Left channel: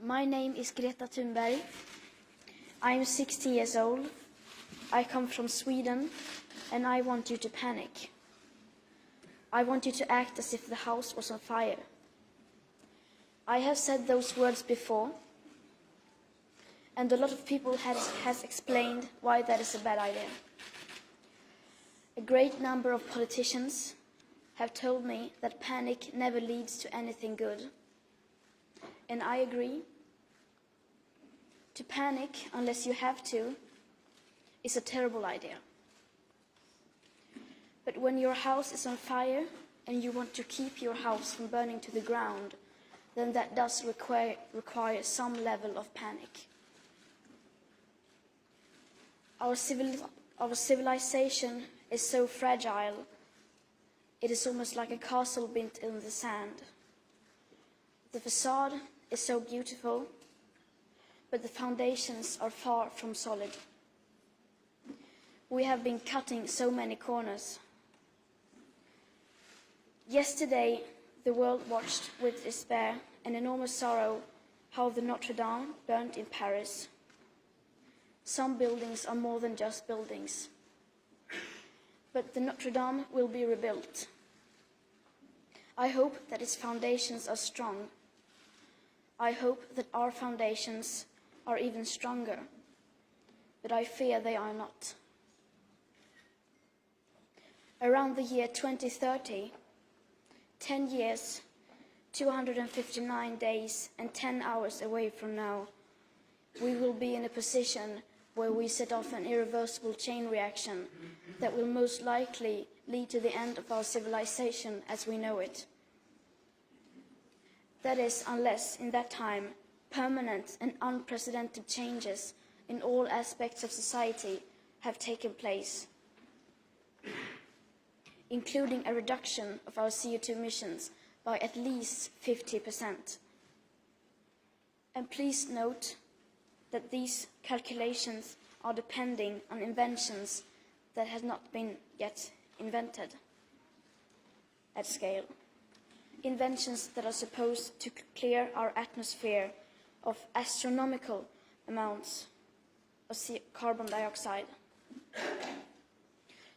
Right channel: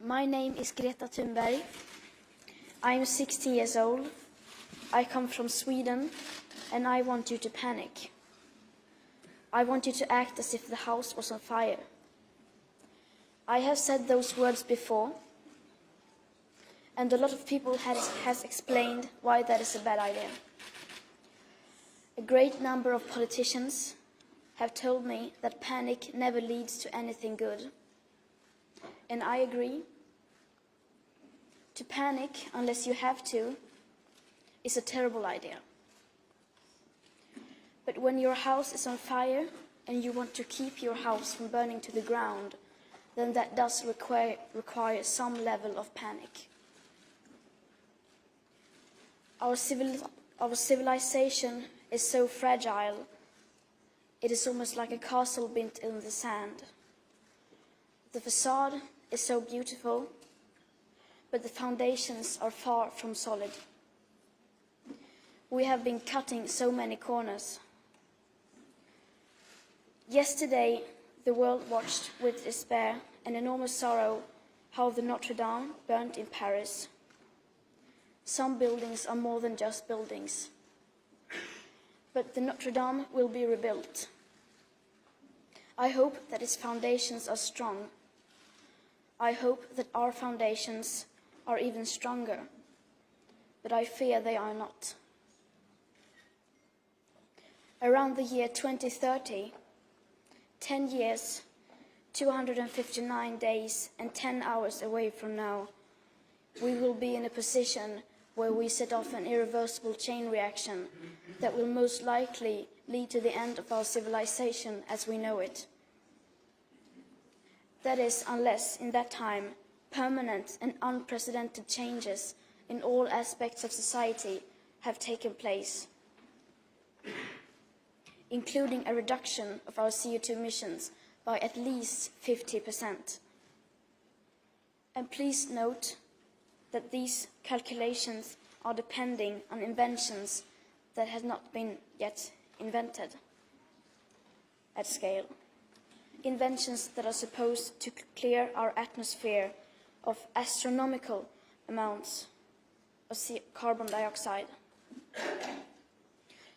My name is Greta Thunberg. I am 60 years old. I come from Sweden, and I want you to panic. I want you to act as if the house was on fire. I have said those words before, and a lot of people has explained why that is a bad idea. A great number of politicians have told me that panic never leads to anything good. And I agree. To panic, unless you have to, is a terrible idea. But when your house is on fire and you want to keep your house from burning to the ground, then that does require some level of panic. Our civilization is so fragile, it is almost like a castle built in the sand. The facade is so beautiful, but the foundations are far from solid. We have been cutting so many corners. Yesterday, the world watched with despair and enormous sorrow how the Notre Dame burnt in Paris. Some buildings are more than just buildings. But the Notre Dame will be rebuilt. I hope that its foundations are strong. I hope that our foundations are even stronger, but I fear they are not. Around the year 2030, 10 years, 259 days and 10 hours away from now, we will be in a position where we set off an irreversible chain reaction that will most likely lead to the end of our civilization as we know it. That is, unless in that time permanent and unprecedented changes in all aspects of society have taken place, including a reduction of our CO2 emissions by at least 50%. And please note that these calculations are depending on inventions that have not been yet invented at scale. Inventions that are supposed to clear our atmosphere of astronomical amounts of carbon dioxide.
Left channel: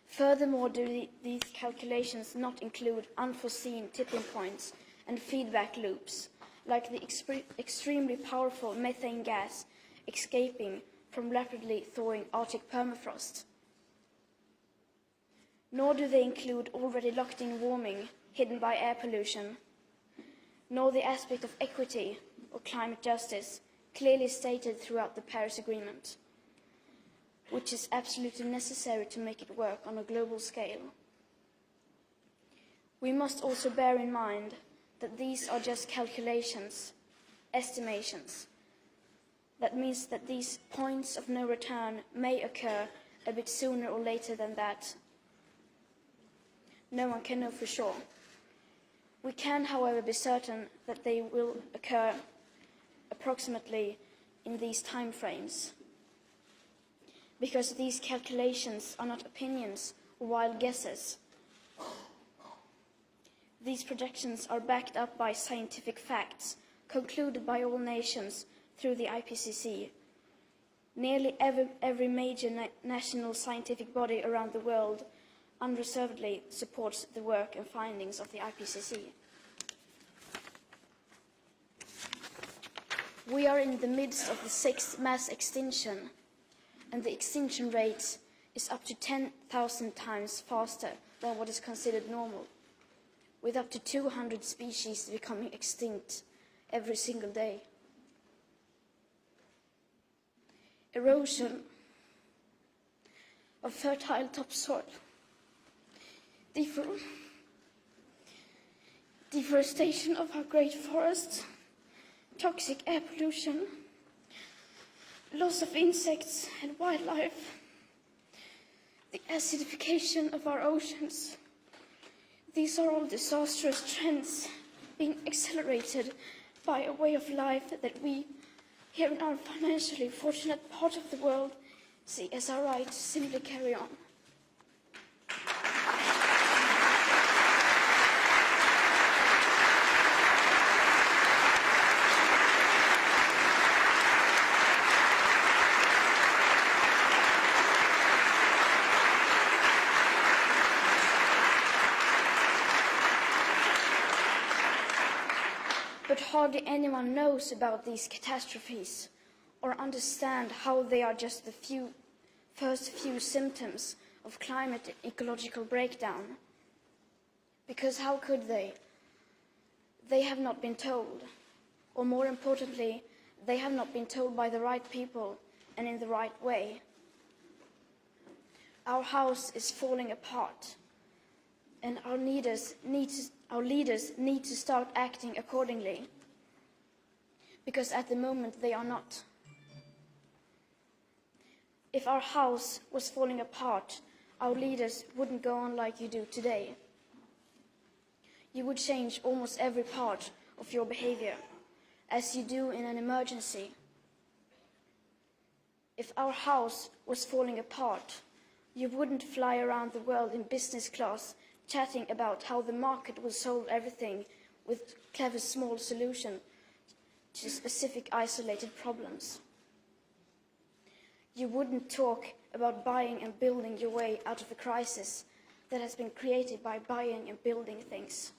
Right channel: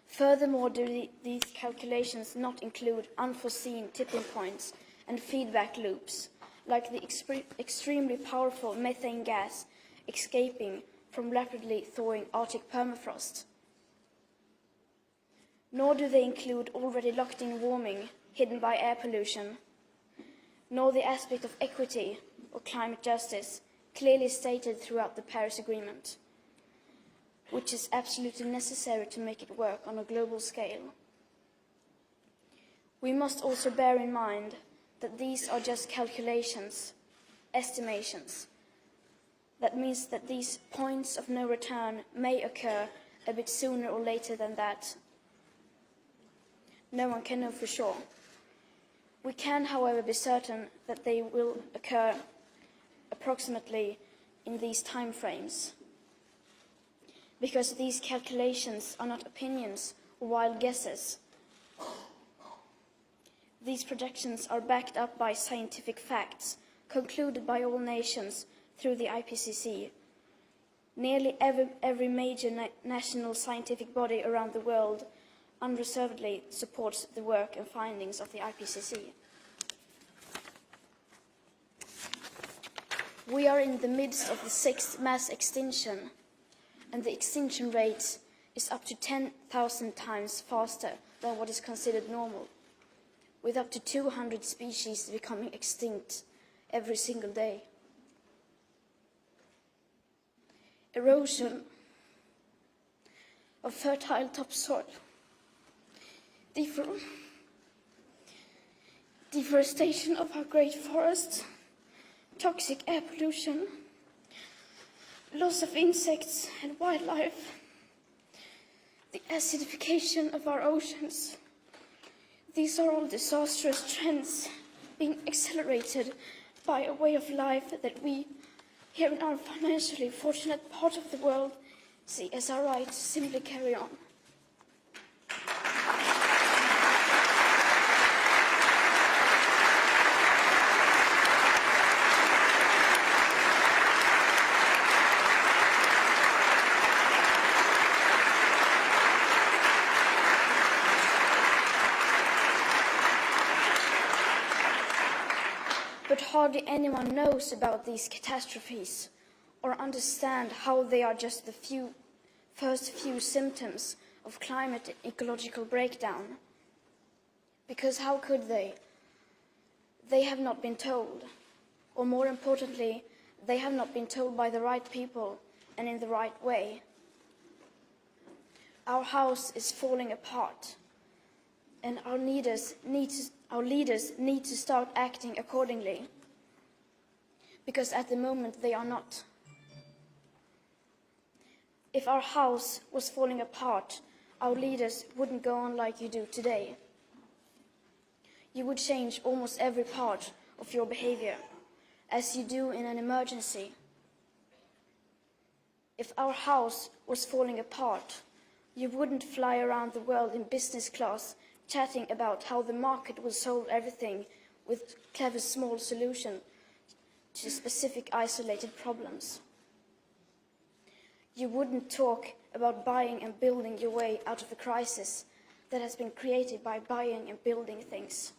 Furthermore, do these calculations not include unforeseen tipping points and feedback loops, like the extremely powerful methane gas escaping from rapidly thawing Arctic permafrost? Nor do they include already locked-in warming hidden by air pollution, nor the aspect of equity or climate justice clearly stated throughout the Paris Agreement, which is absolutely necessary to make it work on a global scale. We must also bear in mind that these are just calculations, estimations. That means that these points of no return may occur a bit sooner or later than that. No one can know for sure. We can, however, be certain that they will occur approximately in these time frames, because these calculations are not opinions or wild guesses. These projections are backed up by scientific facts concluded by all nations through the IPCC. Nearly every major national scientific body around the world unreservedly supports the work and findings of the IPCC. We are in the midst of the 6th mass extinction, and the extinction rate is up to 10,000 times faster than what is considered normal, with up to 200 species becoming extinct every single day. Erosion of fertile topsoil, deforestation of our great forests, toxic air pollution, loss of insects and wildlife, the acidification of our oceans. These are all disastrous trends being accelerated by a way of life that we, here in our financially fortunate part of the world, see as our right to simply carry on. hardly anyone knows about these catastrophes or understand how they are just the first few symptoms of climate ecological breakdown. Because how could they? They have not been told, or more importantly, they have not been told by the right people and in the right way. Our house is falling apart, and our leaders need to start acting accordingly, because at the moment they are not. If our house was falling apart, our leaders wouldn't go on like you do today. You would change almost every part of your behavior, as you do in an emergency. If our house was falling apart, you wouldn't fly around the world in business class chatting about how the market will solve everything with clever small solutions to specific isolated problems. You wouldn't talk about buying and building your way out of a crisis that has been created by buying and building things.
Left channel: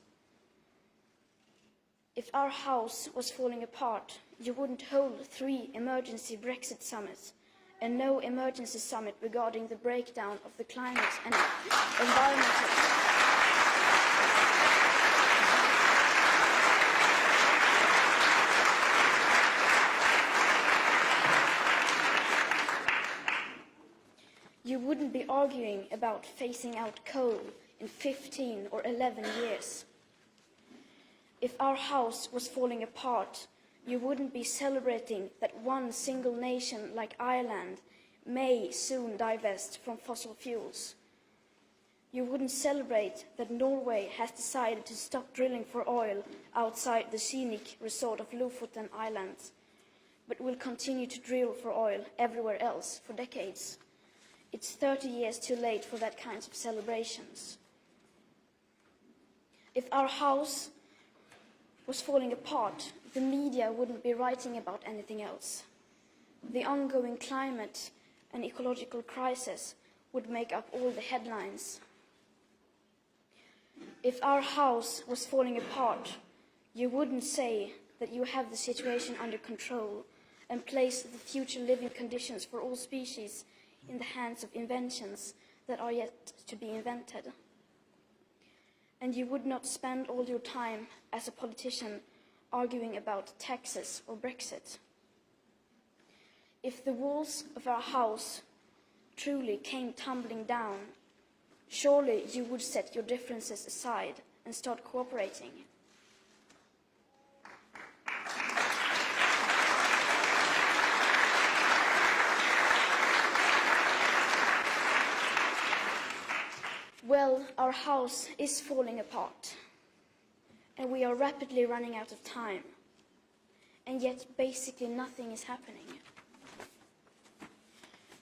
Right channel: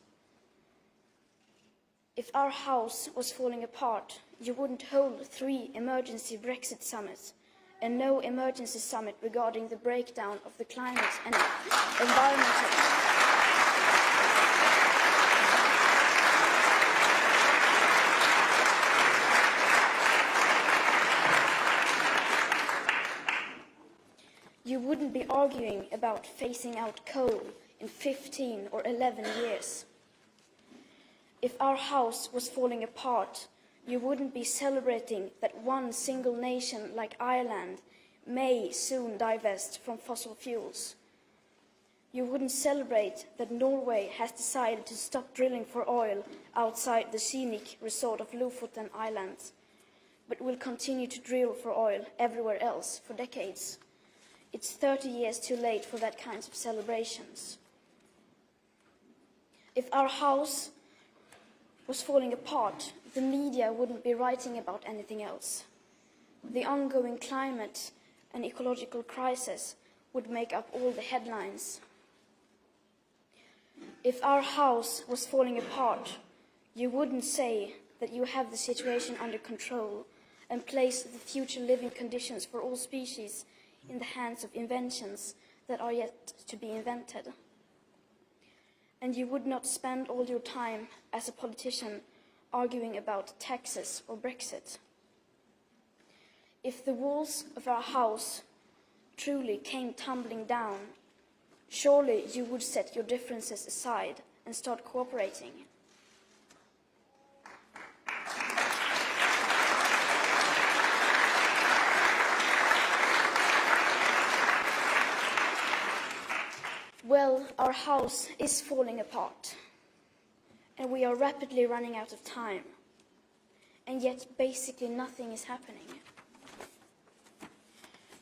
If our house was falling apart, you wouldn't hold 3 emergency Brexit summits and no emergency summit regarding the breakdown of the climate and environmental. You wouldn't be arguing about phasing out coal in 15 or 11 years. If our house was falling apart, you wouldn't be celebrating that one single nation like Ireland may soon divest from fossil fuels. You wouldn't celebrate that Norway has decided to stop drilling for oil outside the scenic resort of Lofoten Islands, but will continue to drill for oil everywhere else for decades. It's 30 years too late for that kind of celebrations. If our house was falling apart, the media wouldn't be writing about anything else. The ongoing climate and ecological crisis would make up all the headlines. If our house was falling apart, you wouldn't say that you have the situation under control and place the future living conditions for all species in the hands of inventions that are yet to be invented. And you would not spend all your time as a politician arguing about taxes or Brexit. If the walls of our house truly came tumbling down, surely you would set your differences aside and start cooperating. Well, our house is falling apart, and we are rapidly running out of time, and yet basically nothing is happening.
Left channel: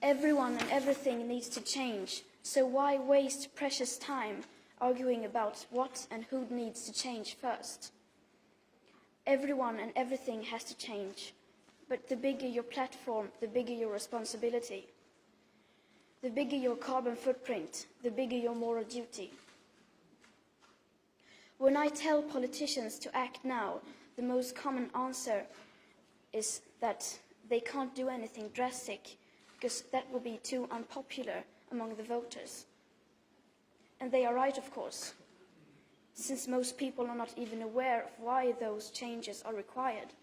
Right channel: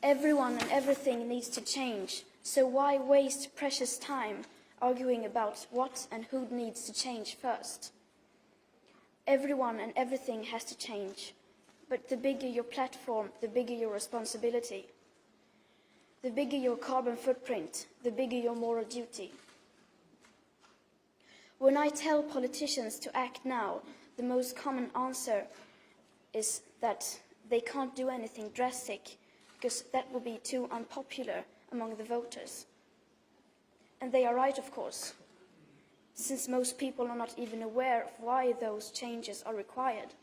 Everyone and everything needs to change, so why waste precious time arguing about what and who needs to change first? Everyone and everything has to change, but the bigger your platform, the bigger your responsibility. The bigger your carbon footprint, the bigger your moral duty. When I tell politicians to act now, the most common answer is that they can't do anything drastic because that will be too unpopular among the voters. And they are right, of course, since most people are not even aware of why those changes are required.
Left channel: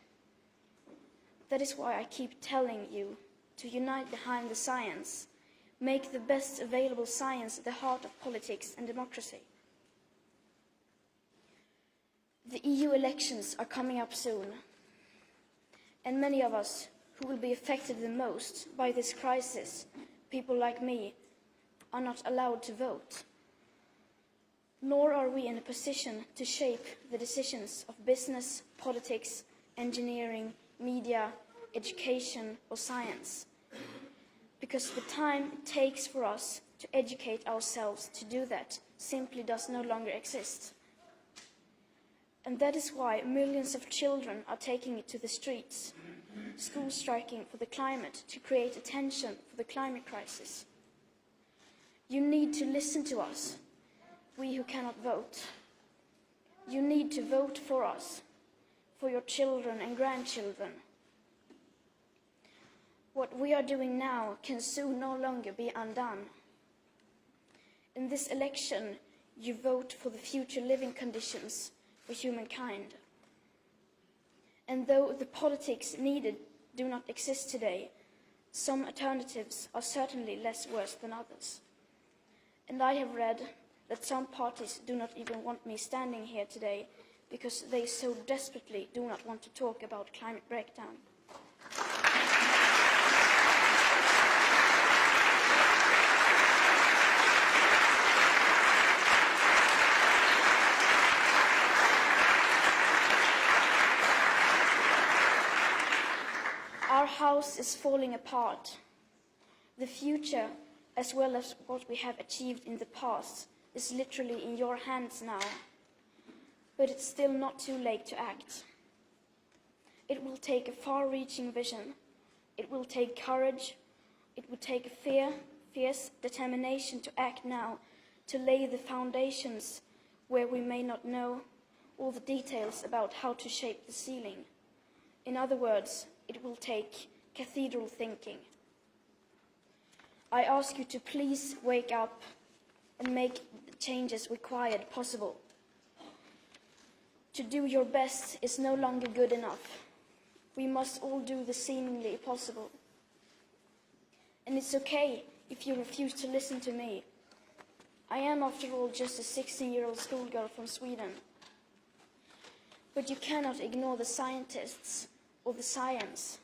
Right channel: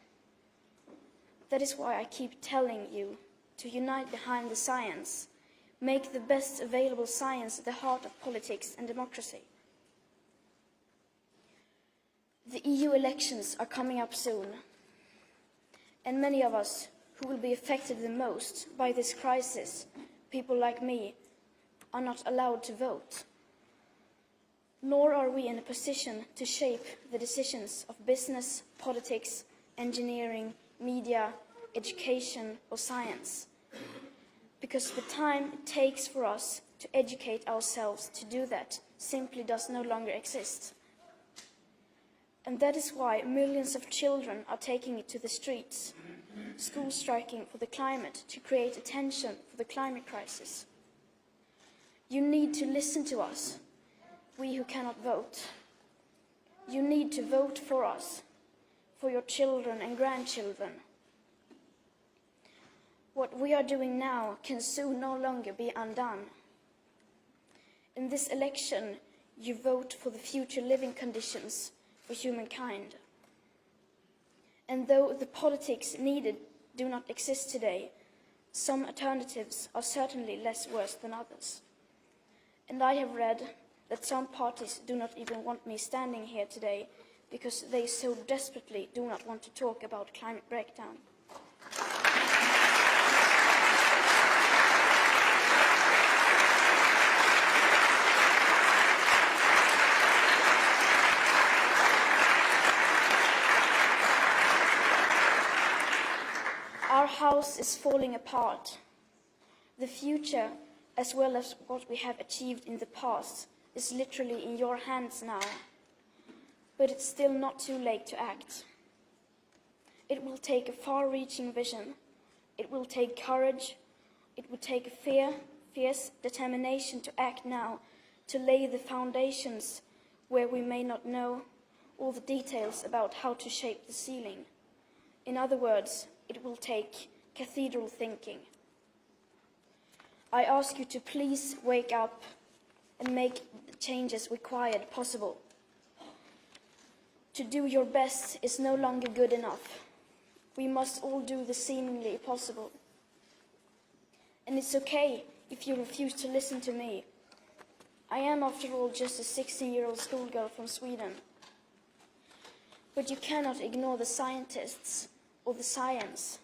That is why I keep telling you to unite behind the science. Make the best available science at the heart of politics and democracy. The EU elections are coming up soon, and many of us who will be affected the most by this crisis, people like me, are not allowed to vote. Nor are we in a position to shape the decisions of business, politics, engineering, media, education, or science. Because the time it takes for us to educate ourselves to do that simply does no longer exist. And that is why millions of children are taking it to the streets, school striking for the climate to create attention for the climate crisis. You need to listen to us, we who cannot vote. You need to vote for us, for your children and grandchildren. What we are doing now can soon no longer be undone. In this election, you vote for the future living conditions for humankind. And though the politics needed do not exist today, some alternatives are certainly less worse than others. And I have read that some parties do not even want me standing here today because they so desperately do not want to talk about climate breakdown. Our house is falling apart. The future, as well as what we have achieved in the past, is literally in your hands now. But it's still not too late to act. It will take a far-reaching vision. It will take courage. It will take a fierce determination to act now, to lay the foundations where we may not know all the details about how to shape the ceiling. In other words, it will take cathedral thinking. I ask you to please wake up and make the changes required possible. To do your best is no longer good enough. We must all do the seemingly possible. And it's okay if you refuse to listen to me. I am, after all, just a 16-year-old schoolgirl from Sweden. But you cannot ignore the scientists or the science,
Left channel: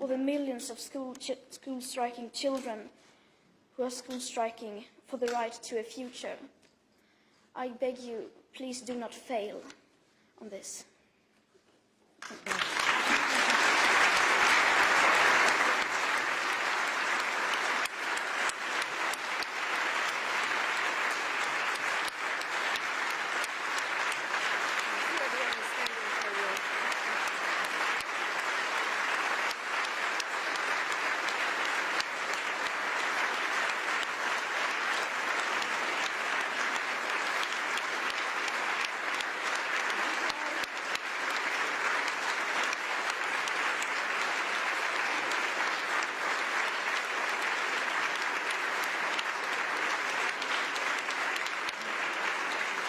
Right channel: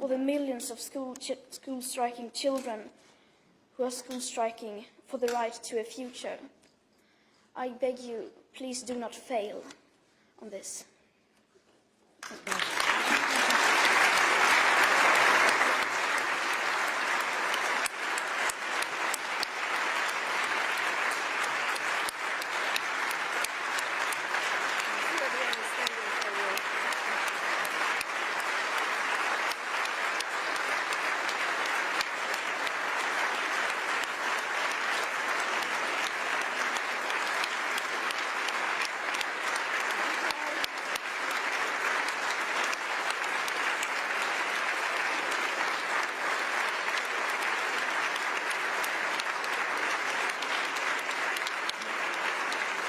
or the millions of school striking children who are school striking for the right to a future. I beg you, please do not fail on this.